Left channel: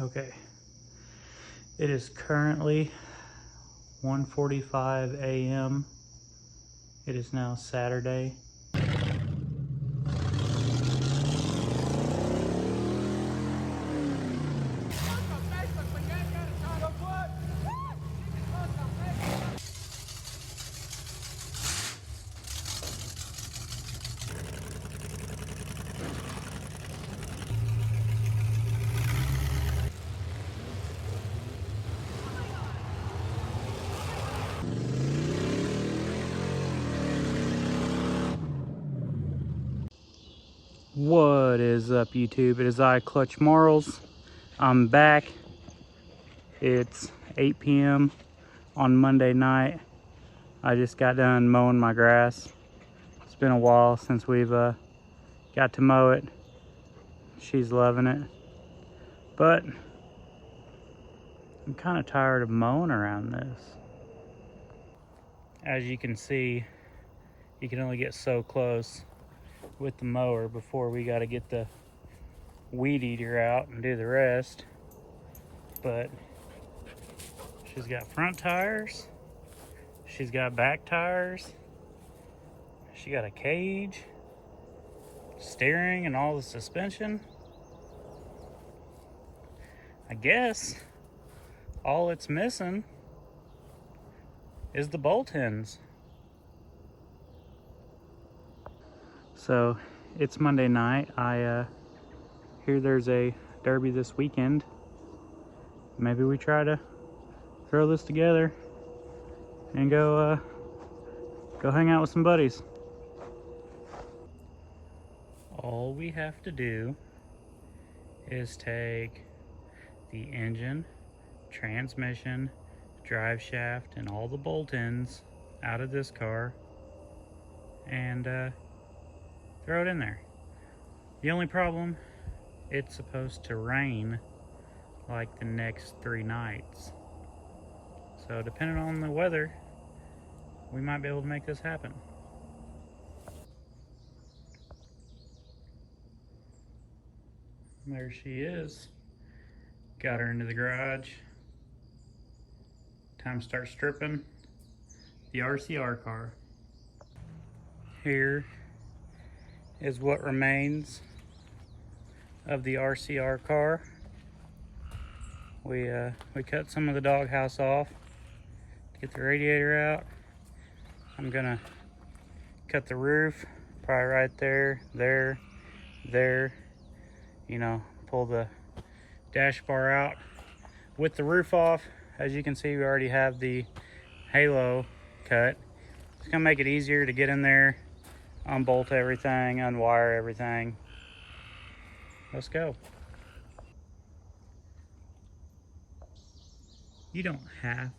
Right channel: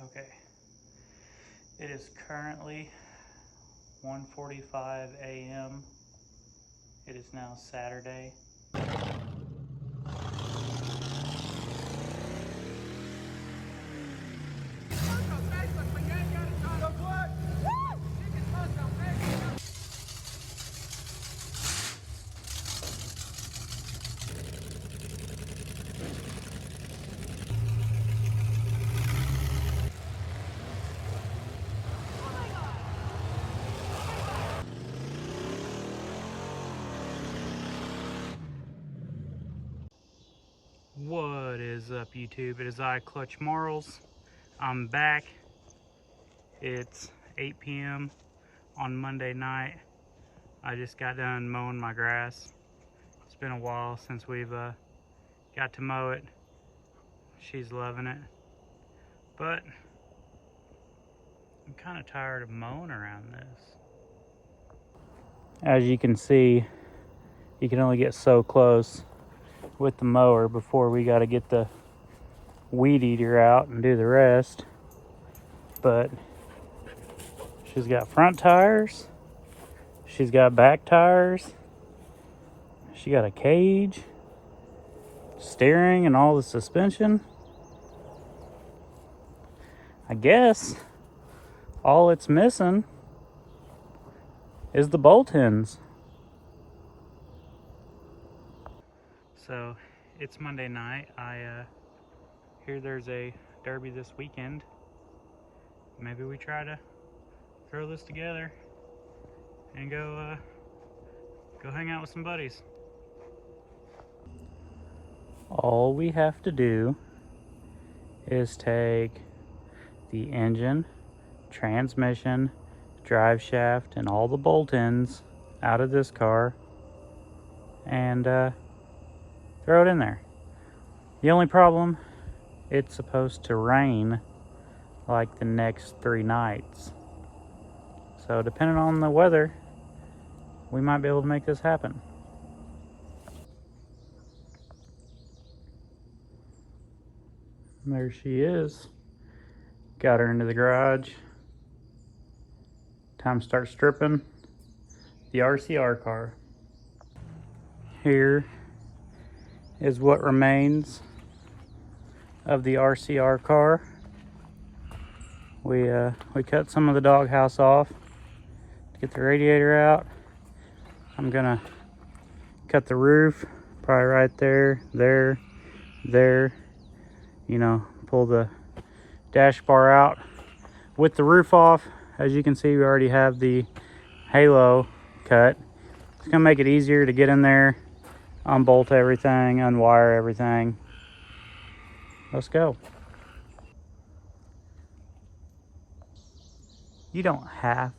Okay, it is currently 1:45 a.m. It is now Saturday. What is up, YouTube? It is I, Clutch Marles. I'm back. It's 8 p.m. on Monday night. I just got done mowing my grass. It's been a while since we've got to mow it. She's loving it. But I'm kind of tired of mowing around this. As you can see, you can only get so close with the mower before we got to get the weed eater out and do the rest. But she's got front tires, she's got back tires, she got a cage, steering, and all the suspension. I guess all it's missing is the bolt ends. So it's Monday night. I hear there's a derby this weekend. Maybe we try to throw this together and go hang out with some buddies. All we have to do is take the engine, transmission, drive shaft, and all the bolt ends out of this car and throw it in there. The only problem, it's supposed to rain like the next 3 nights. So depending on the weather, we might be able to make this happen. And there she is. Got her into the garage. Time to start stripping the RCR car. Here is what remains of the RCR car. We cut some of the doghouse off to get the radiator out. I'm gonna cut the roof, probably right there, there. You know, pull the dash bar out with the roof off. As you can see, we already have the halo cut. It's gonna make it easier to get in there, unbolt everything, unwire everything. Let's go. You don't have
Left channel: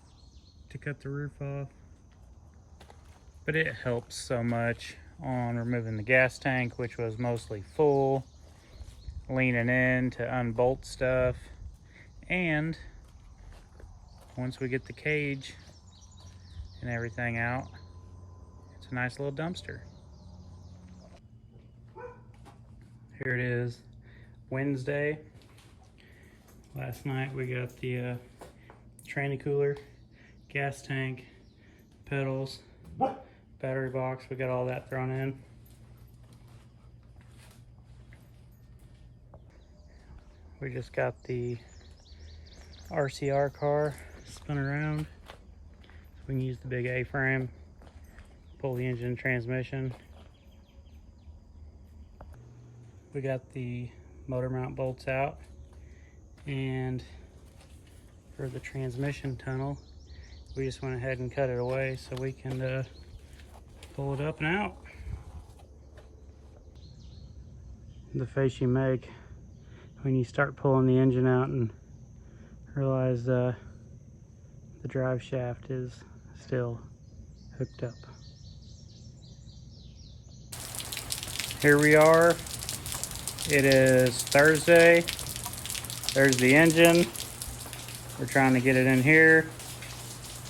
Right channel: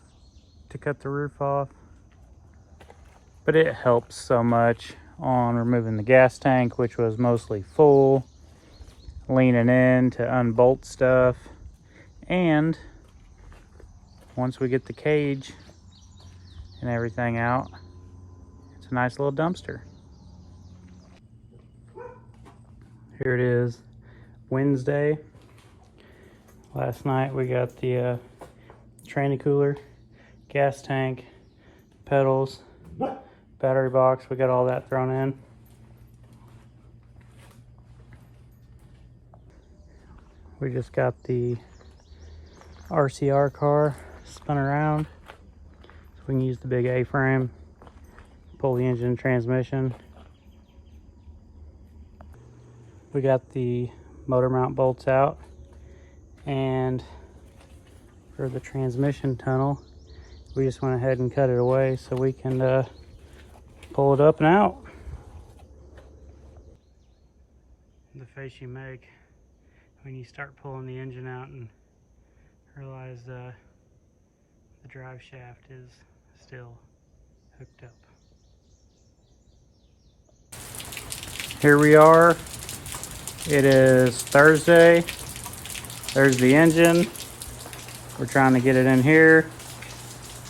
to cut the roof off, but it helps so much on removing the gas tank, which was mostly full, leaning in to unbolt stuff, and once we get the cage and everything out, it's a nice little dumpster. Here it is, Wednesday. Last night we got the tranny cooler, gas tank, pedals, battery box. We got all that thrown in. We just got the RCR car spun around so we can use the big A-frame, pull the engine and transmission. We got the motor mount bolts out, and for the transmission tunnel we just went ahead and cut it away so we can pull it up and out. The face you make when you start pulling the engine out and realize the drive shaft is still hooked up. Here we are. It is Thursday. There's the engine. We're trying to get it in here,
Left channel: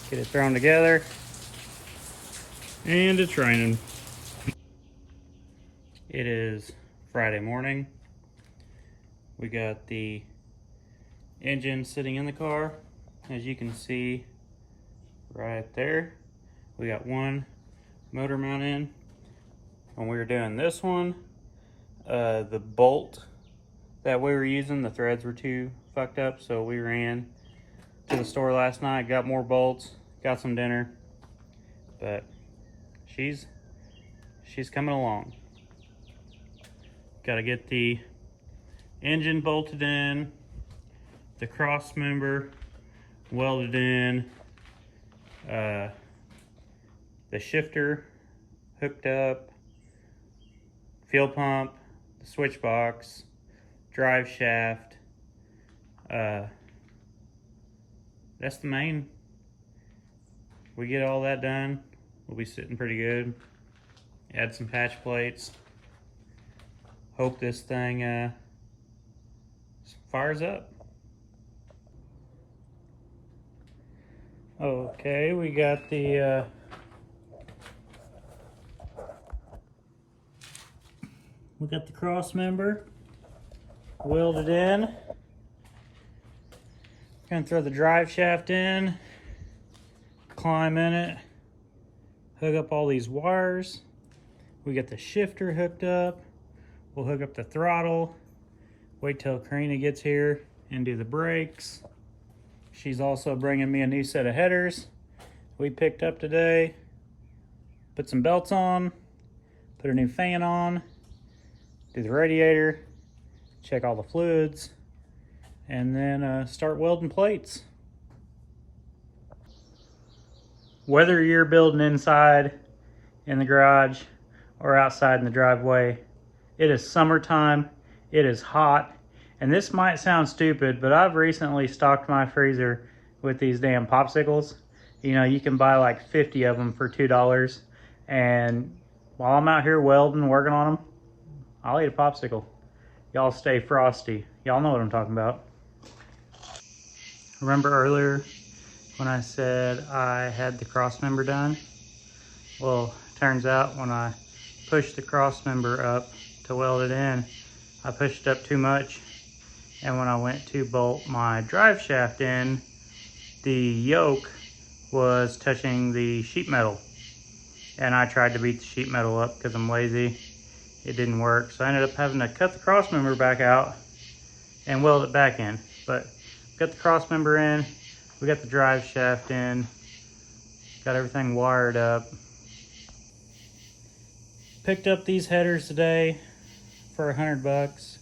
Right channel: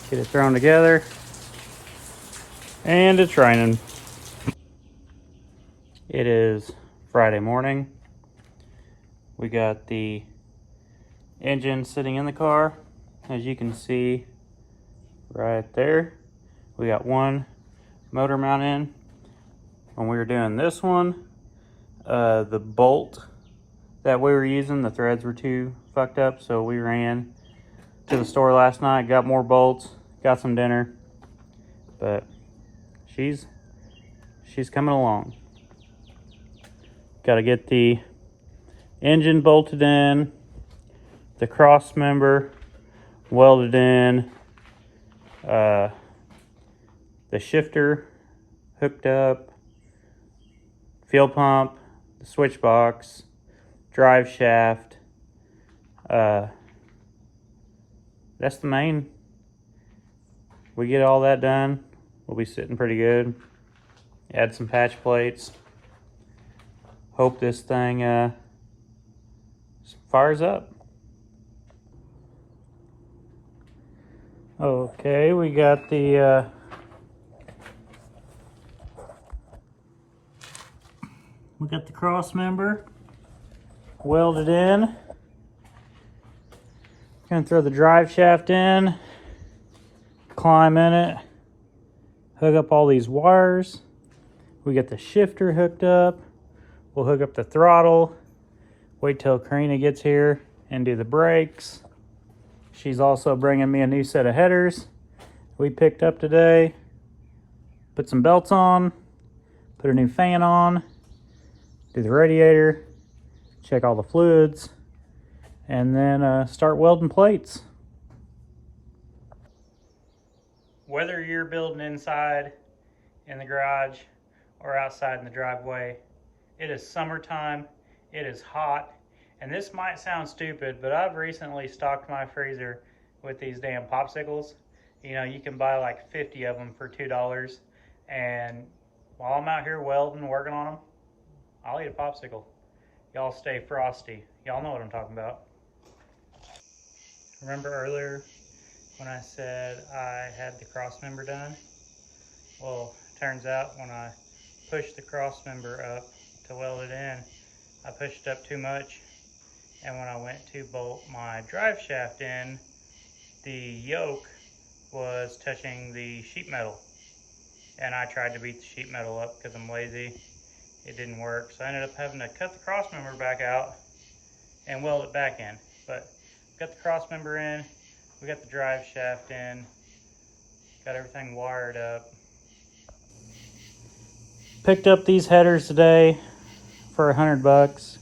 get it thrown together, and it's raining. It is Friday morning. We got the engine sitting in the car. As you can see right there, we got one motor mount in. When we were doing this one, the bolt that we were using, the threads were too fucked up, so we ran to the store last night, got more bolts, got some dinner, but she's coming along. Got to get the engine bolted in, the cross member welded in, the shifter hooked up, fuel pump, the switch box, drive shaft. That's the main. We get all that done, we'll be sitting pretty good. Add some patch plates. Hope this thing fires up. Okay, we got the cross member welded in. Gonna throw the drive shaft in, climb in it, hook up all these wires. We get the shifter hooked up. We'll hook up the throttle, wait till Karina gets here and do the brakes. She's also bringing me a new set of headers we picked up today. Put some belts on, put a new fan on, do the radiator, check all the fluids, and then start welding plates. Whether you're building inside in the garage or outside in the driveway, it is summertime, it is hot, and this might sound stupid, but I've recently stocked my freezer with these damn popsicles. You know, you can buy like 50 of them for $2, and while I'm out here welding, working on them, I'll eat a popsicle. Y'all stay frosty. Y'all know what I'm talking about. Remember earlier when I said I had the cross member done? Well, turns out when I pushed the cross member up to weld it in, I pushed it up too much, and when I went to bolt my drive shaft in, the yoke was touching the sheet metal, and I tried to beat the sheet metal up because I'm lazy. It didn't work, so I ended up having to cut the cross member back out and weld it back in. But got the cross member in, we got the drive shaft in, got everything wired up. Picked up these headers today for $100.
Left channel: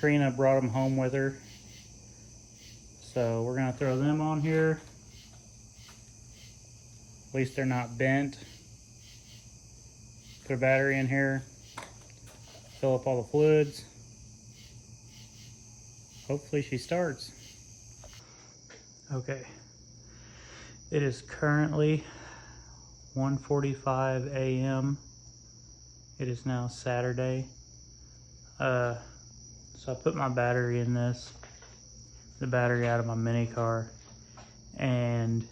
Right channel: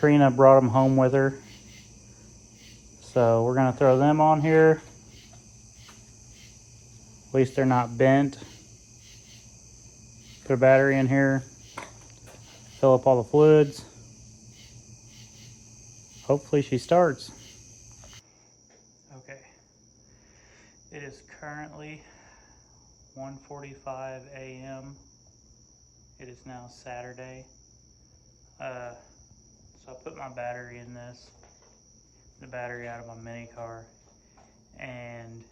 Karina brought them home with her, so we're gonna throw them on here. At least they're not bent. Put a battery in here, fill up all the fluids. Hopefully she starts. Okay, it is currently 1:45 a.m. It is now Saturday. So I put my battery in this, the battery out of my mini car, and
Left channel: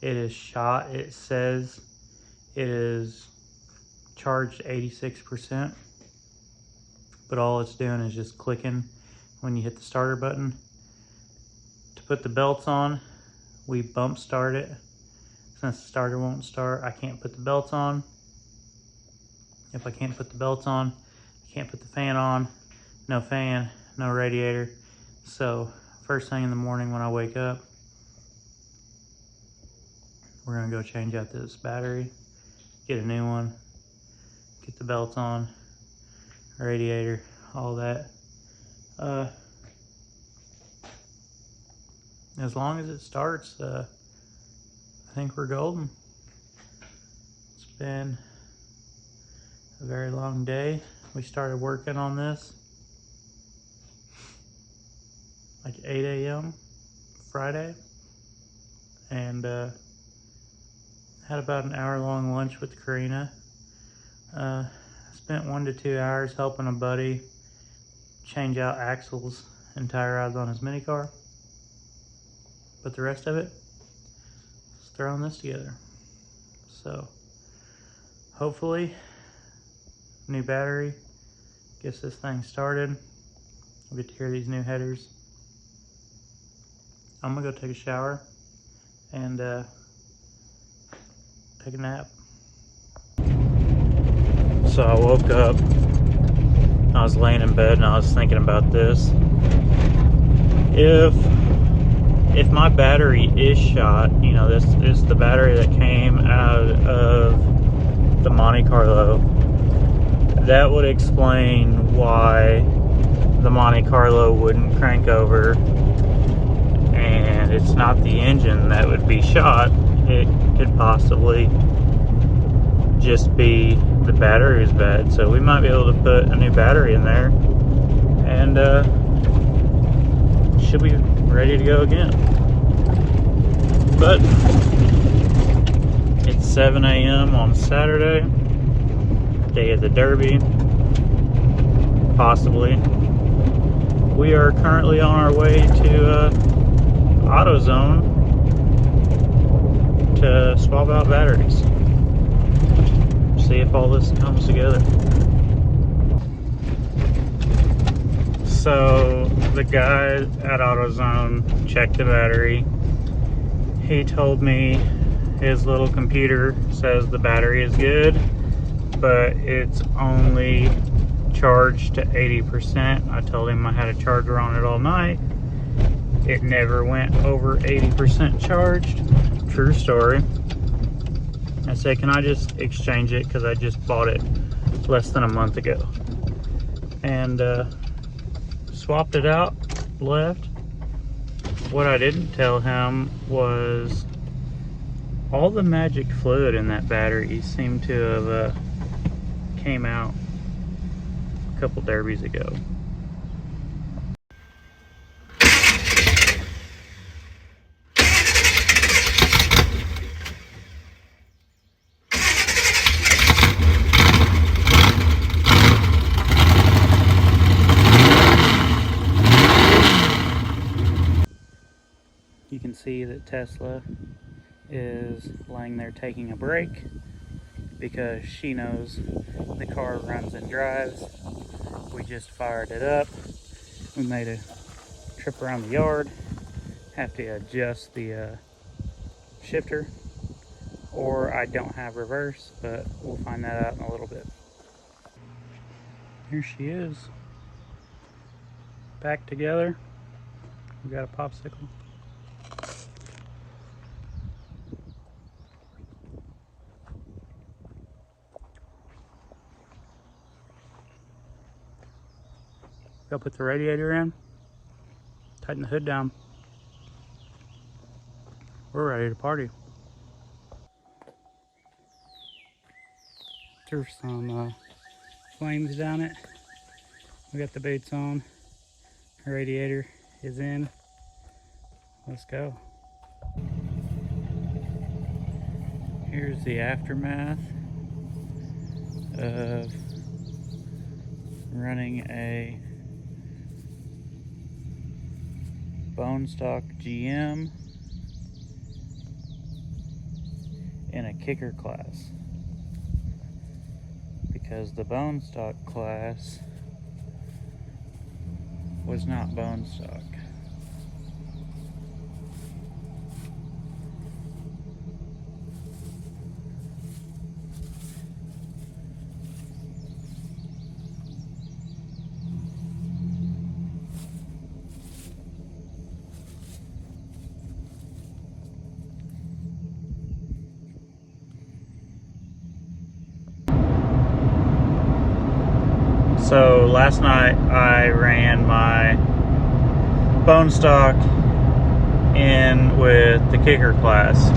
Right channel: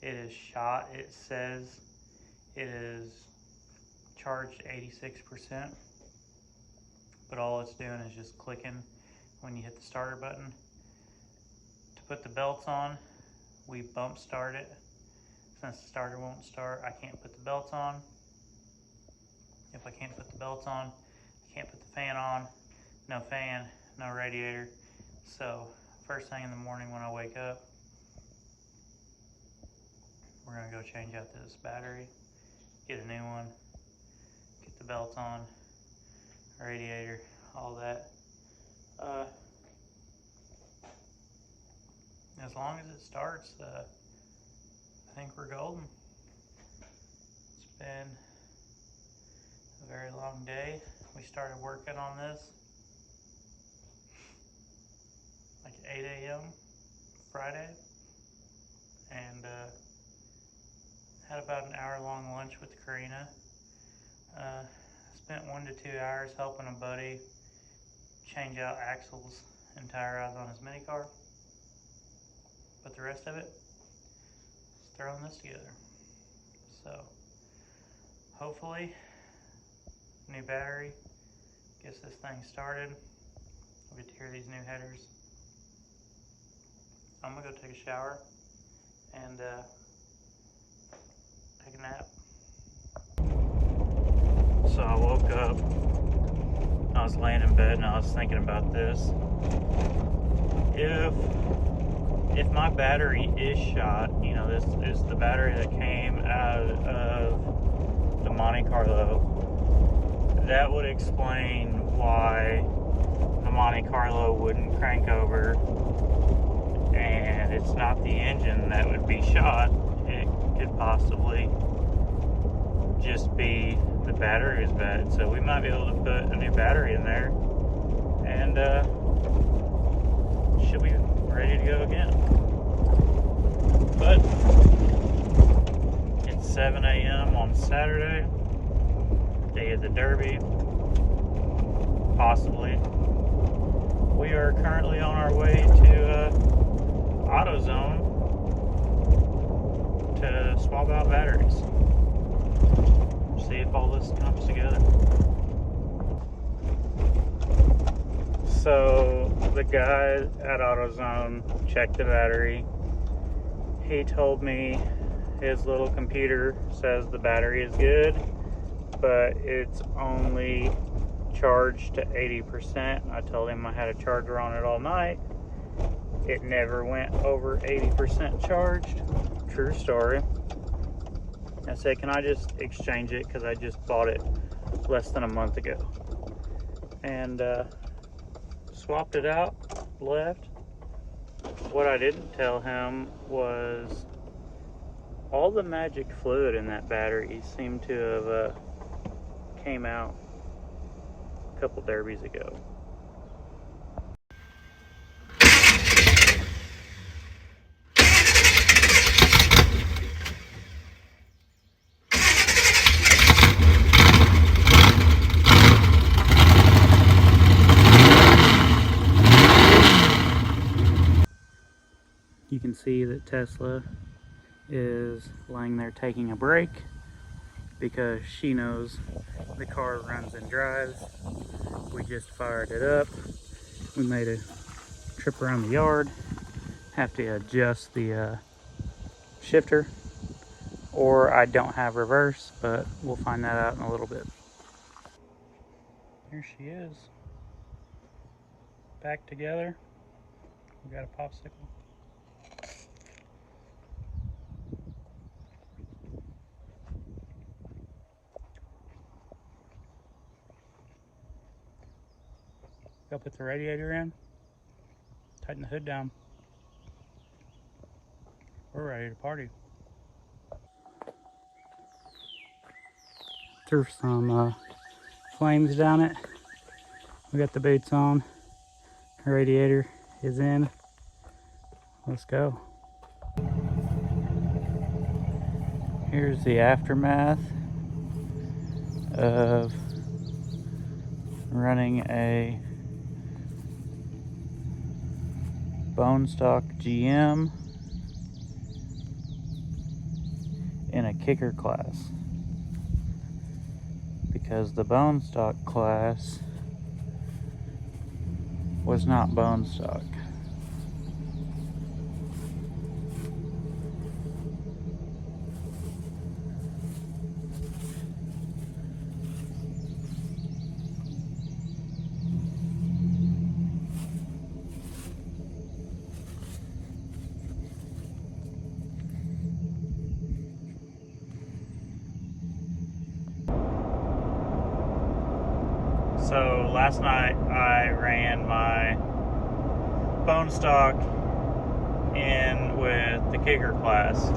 it is shot. It says it is charged 86%, but all it's doing is just clicking when you hit the starter button. To put the belts on, we bump start it. Since the starter won't start, I can't put the belts on. If I can't put the belts on, I can't put the fan on. No fan, no radiator. So first thing in the morning when I wake up, we're gonna go change out this battery, get a new one, get the belts on, radiator, all that. As long as it starts, I think we're golden. It's been a very long day. We started working on this like 8 a.m. Friday, and had about an hour-long lunch with Karina. Spent 1 to 2 hours helping a buddy change out axles and tie rods on his mini car. But the rest of it is throwing this together. So hopefully, new battery gets this thing started. We'll get to hear these new headers. I'm gonna go take a shower and take a nap. So I woke up, I was laying in bed and I was thinking about this. If my battery is shot, you know, this is the battery that came out of the Monte Carlo, that would explain why the Monte Carlo wouldn't crank over. And it's not the engine that would be shot. It could possibly just be the battery is bad. So we might be able to put a new battery in there and should be ready to go again. But it's 7 a.m. on Saturday, day of the Derby, possibly. We are currently on our way to AutoZone to swap out batteries. See if all this comes together. So the guy at AutoZone checked the battery. He told me his little computer says the battery is good, but it's only charged to 80%. I told him I had a charger on it all night. It never went over 80% charged. True story. I said, can I just exchange it? Because I just bought it less than a month ago. And swapped it out, left. What I didn't tell him was all the magic fluid in that battery seemed to have came out a couple derbies ago. You can see that Tesla is lying there taking a break because she knows the car runs and drives. We just fired it up. We made a trip around the yard. Have to adjust the shifter, or I don't have reverse, but we'll find that out in a little bit. Here she is, back together. We got a popsicle. Gotta put the radiator in, tighten the hood down. We're ready to party. Threw some flames down it. We got the boots on. Radiator is in. Let's go. Here's the aftermath of running a bone stock GM in a kicker class, because the bone stock class was not bone stock. So last night I ran my bone stock in with the kicker class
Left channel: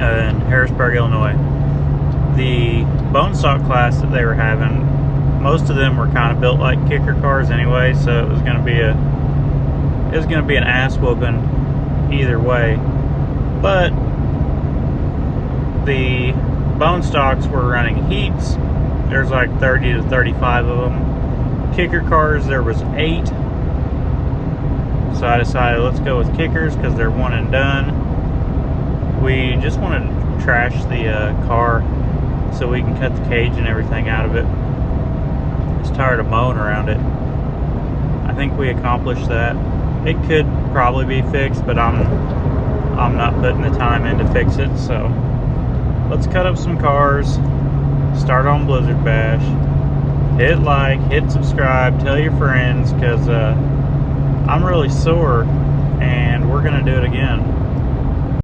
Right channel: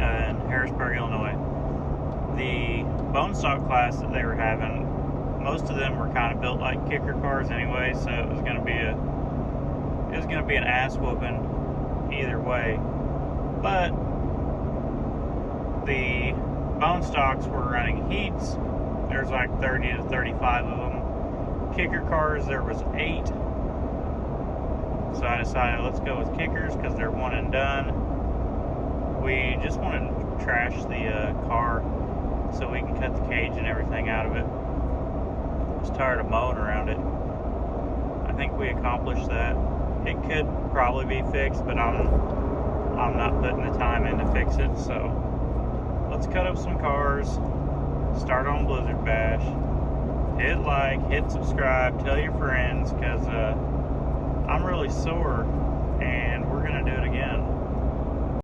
in Harrisburg, Illinois. The bone stock class that they were having, most of them were kind of built like kicker cars anyway, so it was going to be an ass whooping either way. But the bone stocks were running heats. There's like 30 to 35 of them. Kicker cars, there was 8. So I decided let's go with kickers because they're one and done. We just wanted to trash the car so we can cut the cage and everything out of it. I was tired of mowing around it. I think we accomplished that. It could probably be fixed, but I'm not putting the time in to fix it. So let's cut up some cars, start on Blizzard Bash, hit like, hit subscribe, tell your friends, because I'm really sore and we're gonna do it again.